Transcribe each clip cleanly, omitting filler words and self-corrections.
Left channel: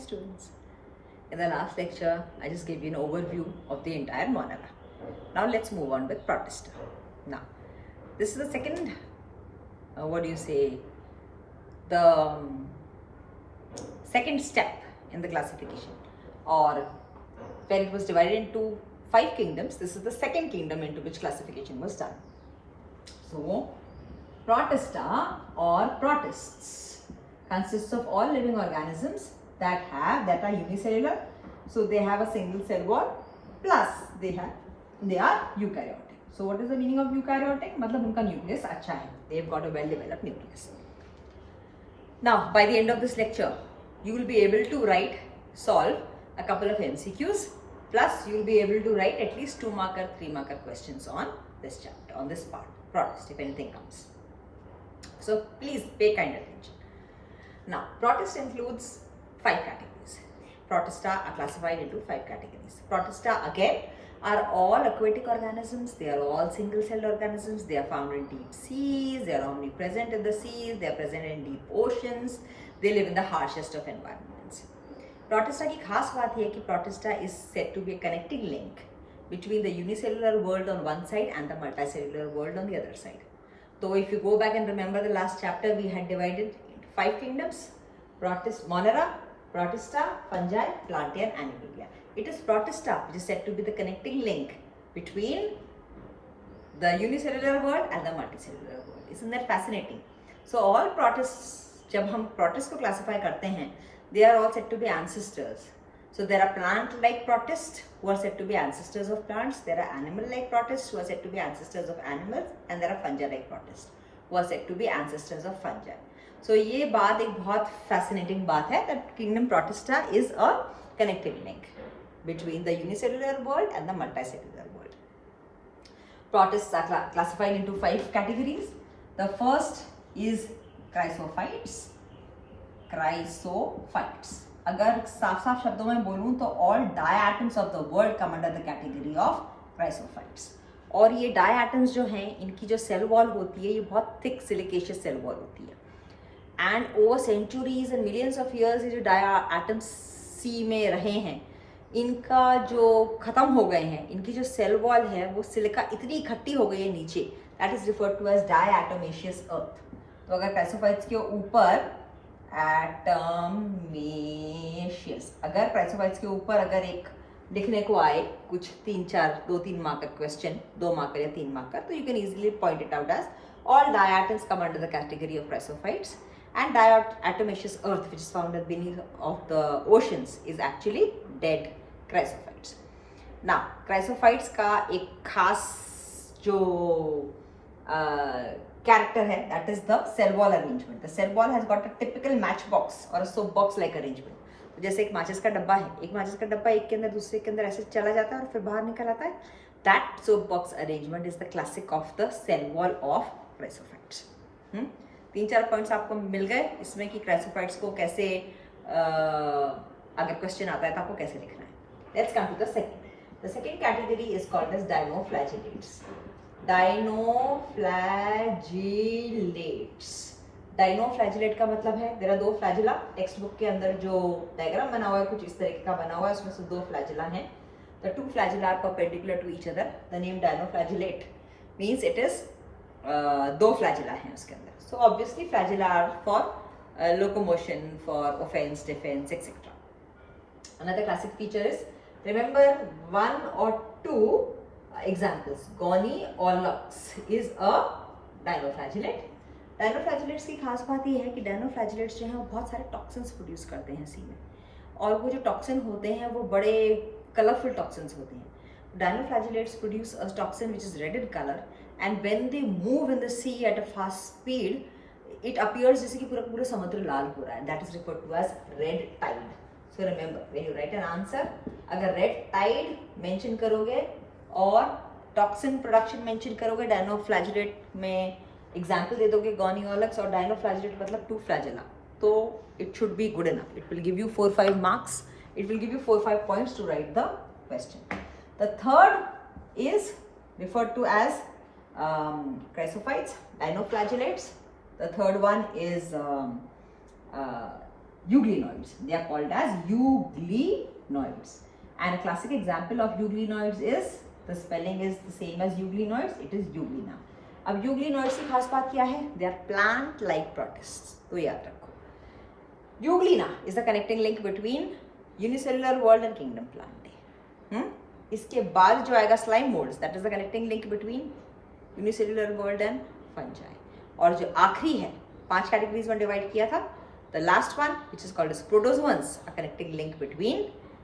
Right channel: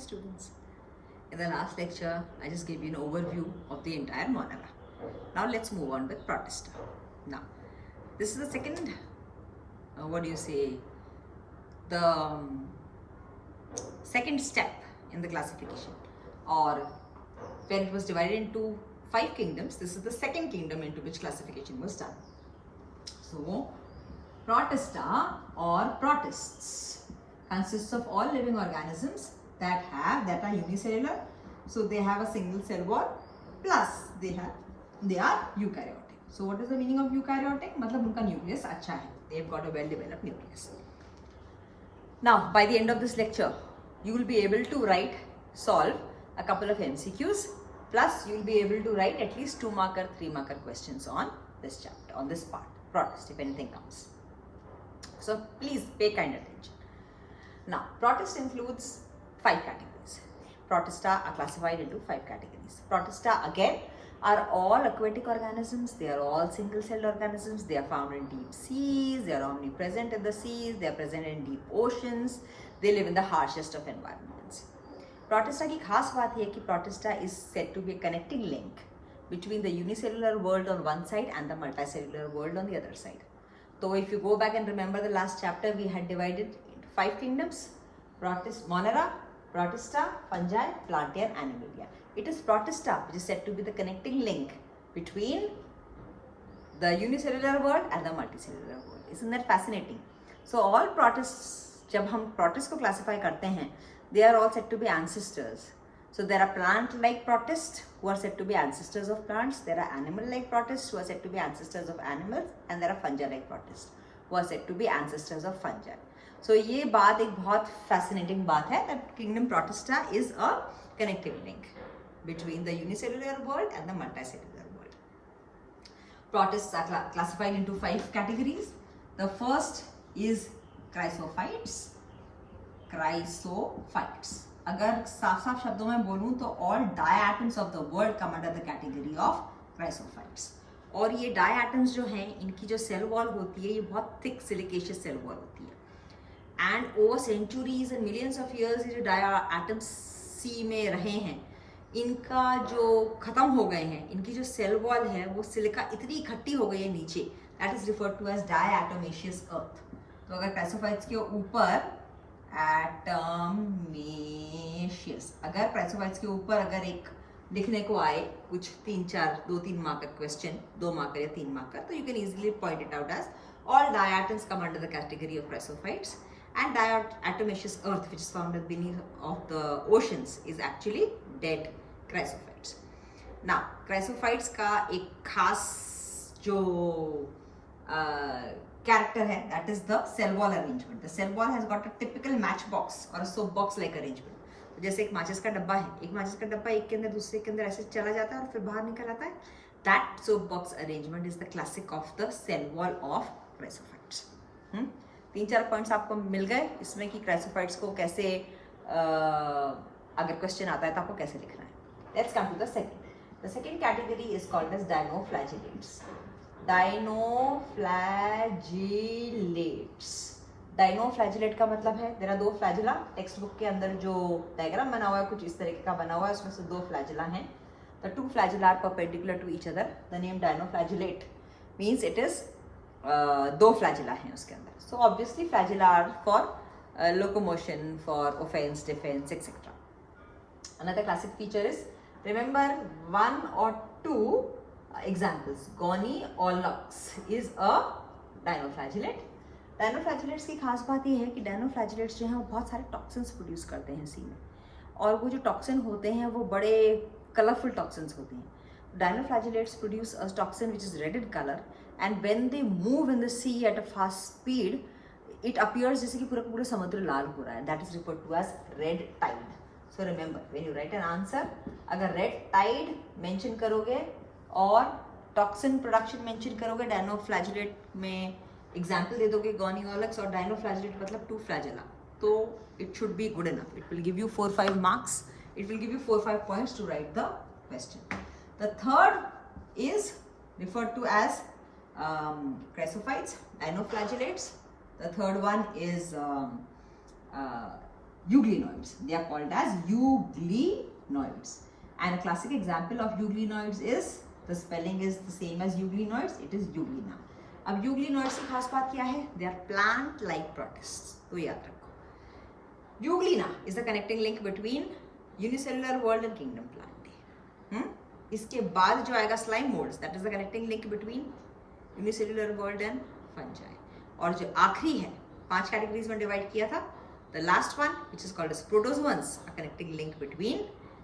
students. In the last lecture, I just gave you an overview of the entire monera. Now let's move on with Protista. Now, this is the second, the second step in the classification, or when it was divided into 5 kingdoms, this is the second kingdom into which classification was done. So, Protista or protists consists of all living organisms that are unicellular. So they have a single cell wall, plus they are eukaryotic. So what is the meaning of eukaryotic? मतलब उनका nucleus अच्छा है. They've got a well-developed nucleus. Now, by the end of this lecture, you will be able to solve a couple of MCQs, plus you will be able to write at least 2-marker, 3-marker questions on this chapter, on this part, protist, if anything comes. So please pay kind attention. Now, protist includes 5 categories. Protista are classified into 5 categories. Protista again are all aquatic organisms. They are all single-celled organisms. They are found in deep seas. They are omnipresent in the seas. They are present in deep oceans. They live in the harshest of environments. Protista की खास बात है कि Protista is said to be a connecting link between the unicellular world on one side and the multicellular world on the other side. So if you go back and remember the last chapter, we had divided into 5 kingdoms: Monera, Protista, Fungi, Plantae and Animalia. It is Protista which is said to be the connecting link between the unicellular world and the multicellular world. Isn't that fascinating? So all protists, जब हम protists को classify करते हैं, they are all said to be ancestors. So there are plant-like protists who are said to be ancestors of plants. There are animal-like protists who are said to be ancestors of animals, and there are fungi-like protists who are said to be ancestors of fungi. So ये बात एक बहुत fascinating बात है that kingdom Protista is a connecting link between the unicellular world and the multicellular world. Protists are classified into 5 categories. The first is chrysophytes. अगर साफ शब्दों में बोलूं तो all diatoms of the world come under the category of chrysophytes. और ये diatoms जो हैं, इनकी जो cell wall होती है, ये बहुत thick silicaceous cell wall होती है. And over centuries and millions of years ये जो diatoms sea में रहे हैं, इनका जो खत्म हो गए हैं, इनकी जो cell wall है वो सिलिका इतनी इकट्ठी हो गई है नीचे, that is referred to as diatomaceous earth. तो अगर chrysophytes के ऊपर एटमेशियस, अगर क्राइसोफाइट्स के ऊपर अगर एक लिखने को आए कुछ 2-3 मार्कर क्वेश्चन, 2 मार्कर या 3 मार्कर, तो you can easily point it out as all diatoms come under the category of chrysophytes, and diatomaceous earth which is found beneath of the oceans is actually dead chrysophytes. Now chrysophytes का एक खास जो character है, that is the cell wall arrangement. The cell wall has got a typical matchbox or a soap box like arrangement. तो जैसे एक माचिस का डब्बा है, एक माचिस का डब्बा एक के अंदर दूसरे के अंदर ऐसे चला जाता है और फिर बाहर निकल आता है. That soap box arrangement is the classic of the cell wall of chrysophytes. 3-4 points आपको मिल गए इसमें कि chrysophytes को कैसे अगर क्वेश्चन आता है तो आपको कैसे लिखना है. Let's come to the second. The second category is called as dinoflagellates. Dinoflagellate का मतलब है there are 2 flagella. Text book के अंदर जो डायग्राम बना हुआ है कुछ इस तरीके का बना हुआ है, उसमें से 2 flagella हैं. The 2 flagella are perpendicular to each other. The name dinoflagellate means it is 2 flagella हैं उसके अंदर. So obviously flagella are for locomotion, for offense, defense, etc. Another classic feature is, remember 1 or 2 examples. Goniolox is a dinoflagellate. Dinoflagellates की खास बात ये है कि dinoflagellates जो हैं वो बहुत सारे टॉक्सिन्स प्रोड्यूस करते हैं सी में, और वो जो टॉक्सिन होते हैं वो बड़े कलरफुल टॉक्सिन्स होते हैं. Dinoflagellates produce a toxin which is red in color, and when they move in the sea at a fast speed, it appears जैसे कि पूरा समुद्र लाल हो रहा है. That is referred to as red tide. So remember, when you write an answer, अगर red tide mention करोगे और टॉक्सिन प्रोडक्शन मेंशन करोगे, डायनोफ्लैजेलेट में एग्जांपल दे दोगे गोनियोलक्स और डायनोफ्लैजेलेट मतलब 2 फ्लैजेला, तो it should be good enough. It will give you 4-5 marks. It will give you 4-5 points to write the question. The third is referred to as chrysophytes, dinoflagellates. The third one is euglenoids. They are called as euglenoids. And a classic example of euglenoids is, the spelling is the same as euglenoids, it is euglena. अब euglenoids की खास बात क्या है? They are plant-like protists. तो याद रखो. Euglena is the connecting link between unicellular world and kingdom plant. इसके बाद जो आएगा slime molds, that is the connecting link between unicellular world and fungi. और जो आखिरी है, 5 कैटेगरीज में डिवाइड किया था, the last one which is called as protozoans, a connecting link between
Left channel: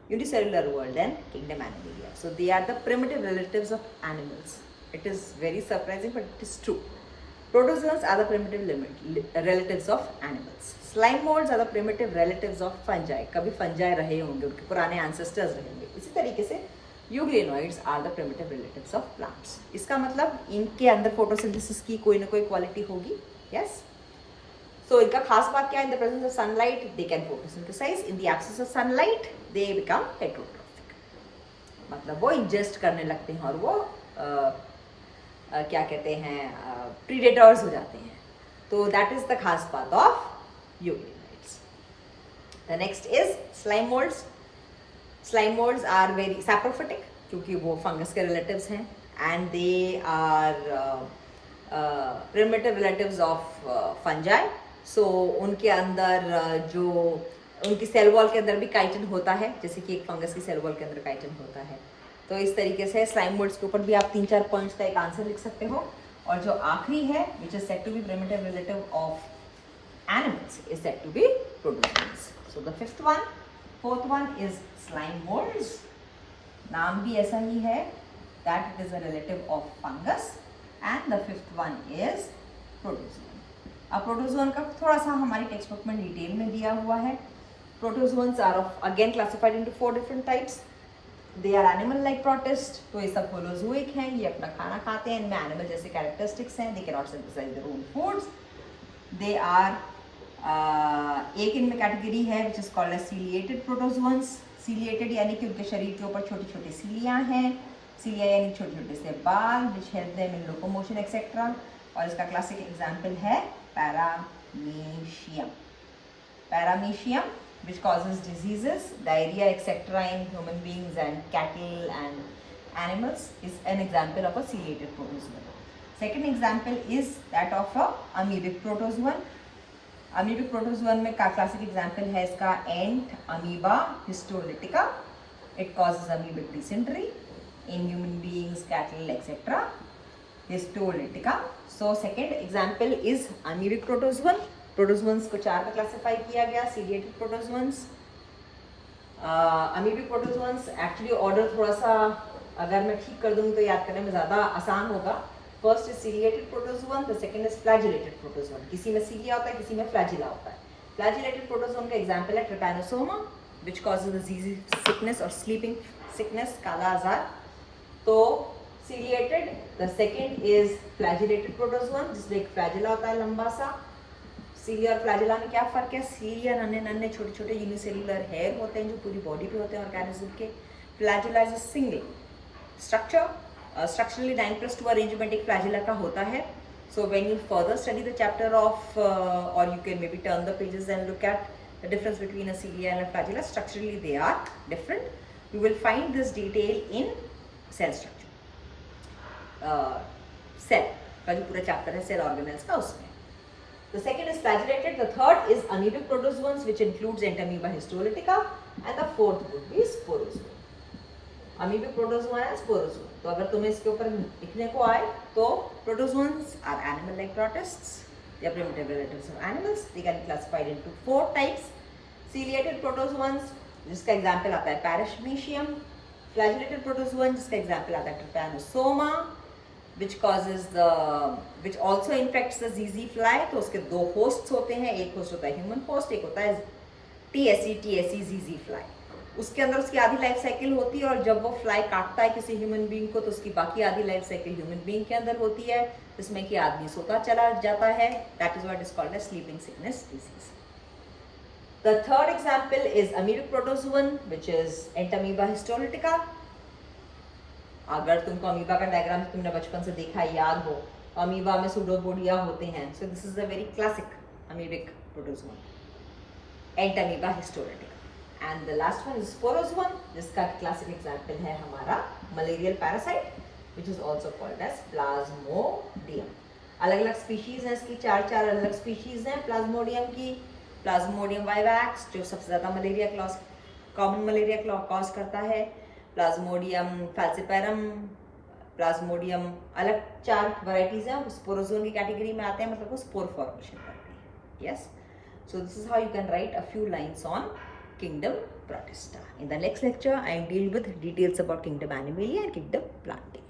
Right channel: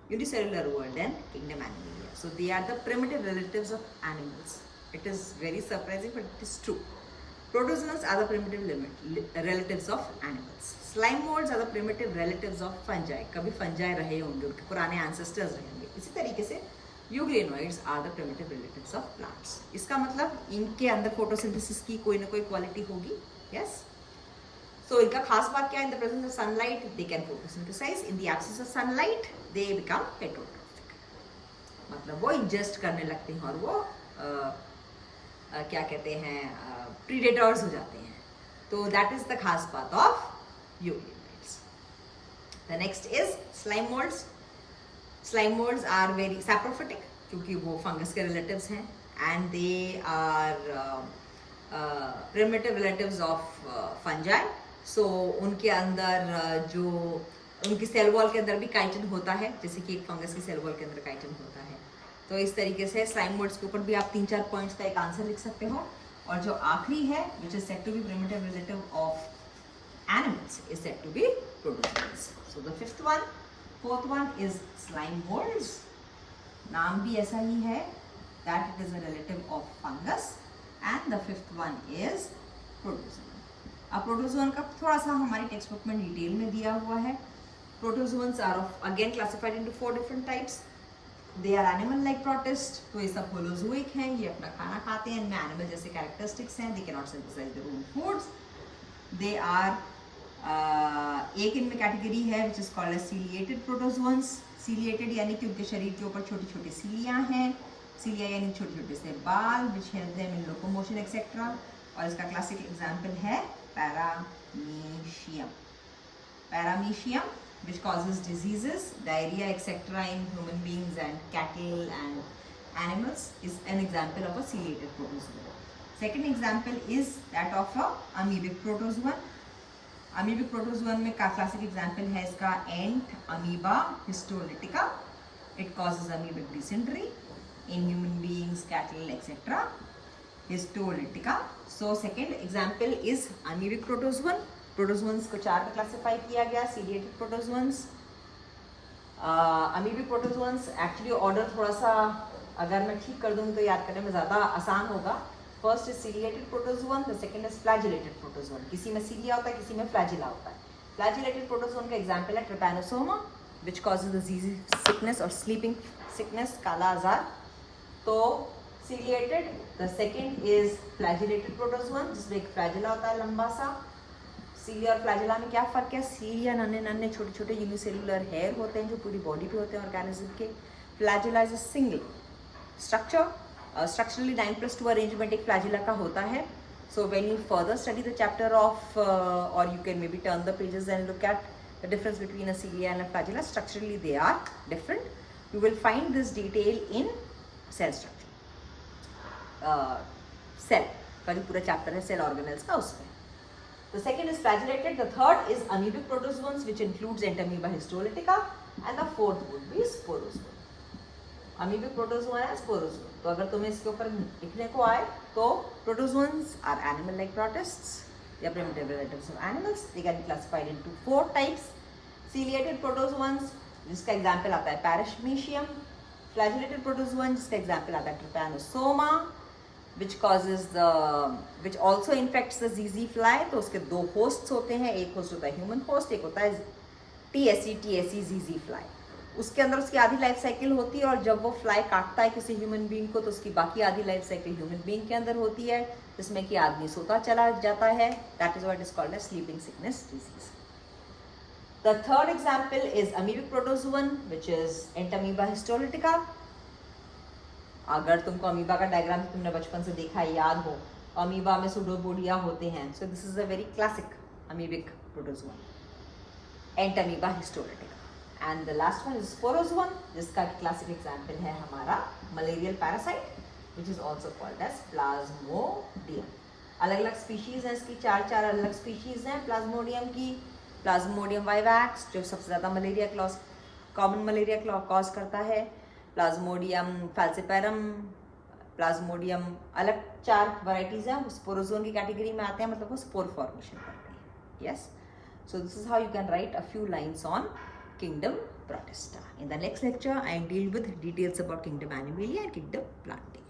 unicellular world and kingdom Animalia. So they are the primitive relatives of animals. It is very surprising, but it is true. Protozoans are the primitive relatives of animals. Slime molds are the primitive relatives of fungi. कभी fungi रहे होंगे, उनके पुराने ancestors रहेंगे. इसी तरीके से euglenoids are the primitive relatives of plants. इसका मतलब इनके अंदर photosynthesis की कोई ना कोई क्वालिटी होगी. Yes. So इनका खास बात क्या है? In the presence of sunlight, they can photosynthesize. In the absence of sunlight, they become heterotrophic. मतलब वो ingest करने लगते हैं और वो क्या कहते हैं, predators हो जाते हैं. तो that is the खास बात of euglenoids. The next is slime molds. Slime molds are very saprophytic क्योंकि वो fungus के relatives हैं, and they are primitive relatives of fungi. So उनके अंदर जो उनकी सेल वॉल के अंदर भी काइटिन होता है, जैसे कि एक फंगस की सेल वॉल के अंदर काइटिन होता है. तो इस तरीके से स्लाइम मोल्ड्स के ऊपर भी आप 3-4 पॉइंट्स का एक आंसर लिख सकते हो. और जो आखिरी है, which is said to be primitive relative of animals, is said to be protozoans. So the fourth one is slime moulds. नाम भी ऐसा ही है, that it is a relative of fungus. And the fifth one is protozoan. अब protozoan का थोड़ा सा हमारी टेक्स्ट बुक में डिटेल में दिया हुआ है. Protozoans are of again classified into 4 different types. They are animal like protist. तो ये सब होलोजोइक हैं, ये अपना खाना खाते हैं, इनमें एनिमल जैसे कैरेक्टरिस्टिक्स हैं. They can not synthesise their own foods. They are एक इनमें कैटेगरी है which is called as ciliated protozoans. Ciliated यानी कि उनके शरीर के ऊपर छोटी छोटी सीलियाँ हैं. सीलिया यानी छोटे छोटे से बाल which help them in locomotion etcetera. और इसका क्लासिक एग्जाम्पल है paramecium. Paramecium which causes diseases, diarrhea, etc. in human beings and cattle and animals, is an example of a ciliated protozoan. Second example is that of a amoebic protozoan. Amoebic protozoan में का classic example है इसका ant amoeba histolytica. It causes amoebic dysentery in human beings, cattle, etc. Histolytica. So second example is amoebic protozoan. Protozoans को 4 में classify किया गया. Ciliated protozoans, amoebic protozoans. Actually order थोड़ा सा अगर मैं ठीक कर दूँ तो याद करने में ज़्यादा आसान होगा. First is ciliated protozoan, the second is flagellated protozoan. किसी में सीलिया होता है, किसी में फ्लैजिला होता है. फ्लैजिलेटेड प्रोटोजोन का एग्जाम्पल है ट्रिपैनोसोमा विच कॉजेज द जीजी सिकनेस और स्लीपिंग सिकनेस, काला आजार. तो ciliated. The second is flagellated protozoan जिसमें एक फ्लैजिला होता है लंबा सा. सीलिया और फ्लैजिला में क्या फर्क है? सीलिया नन्हे नन्हे छोटे छोटे यूनिसेलुलर हेयर होते हैं जो पूरी बॉडी पे होते हैं ऑर्गेनिज्म के. Flagella is a single structure. Structurally 9+2 arrangement एक फ्लैजिला का होता है. So when you further study the chapter of और you can may be turn the pages and look at the difference between a cilia and a flagella. Structurally they are different. You will find this detail in cell structure. Cell का जो पूरा chapter है cell organelles का, उसमें. The second is flagellated. The third is amoebic protozoans, which includes Entamoeba histolytica, and the fourth would be sporozoa. Amoebic protozoan and sporozoa. तो अगर तुम्हें इसके ऊपर लिखने को आए तो protozoans are animal-like protists. They are primitive relatives of animals. They can be classified into 4 types. Ciliated protozoans, जिसका example आता है Paramecium. Flagellated protozoan, जिसका example आता है Trypanosoma. which also infects the ZZ fly. तो उसके 2 hosts होते हैं. एक host होता है human host, एक होता है TSE ZZ fly. उसके अंदर उसकी आधी लाइफ साइकिल होती है और जब वो फ्लाई काटता है किसी ह्यूमन बीइंग को तो उसकी बाकी आधी लाइफ साइकिल ह्यूमन बीइंग के अंदर होती है, जिसमें कि आदमी सोता चला जाता है. That is what is called as sleeping sickness disease. The third example is amoebic protozoan which is entamoeba histolytica. अगर तुमको अमीबा का डायग्राम तुमने बचपन से देखा है, याद हो, अमीबा में सूडोपोडिया होते हैं. So this is a very classic amoebic protozoan. Entamoeba histolytica. And the last one is sporozoan, जिसका क्लासिक एग्जाम्पल है हमारा malarial parasite which is also called as plasmodium. अलग अलग स्पीशीज हैं इसकी, चार अलग स्पीशीज हैं प्लाज्मोडियम की। प्लाज्मोडियम वाइवैक्स जो सबसे ज़्यादा मलेरिया कॉमन मलेरिया कॉज करता है, प्लाज्मोडियम फैल्सिपेरम, प्लाज्मोडियम, अलग 4 वैरायटीज हैं, स्पोरोजोन की कैटेगरी में आते हैं, मतलब वो स्पोर फॉर्मेशन करते हैं। Yes, so this is how you can write a few lines on kingdom Protista. In the next lecture I deal with details about kingdom Animalia and kingdom Plantae.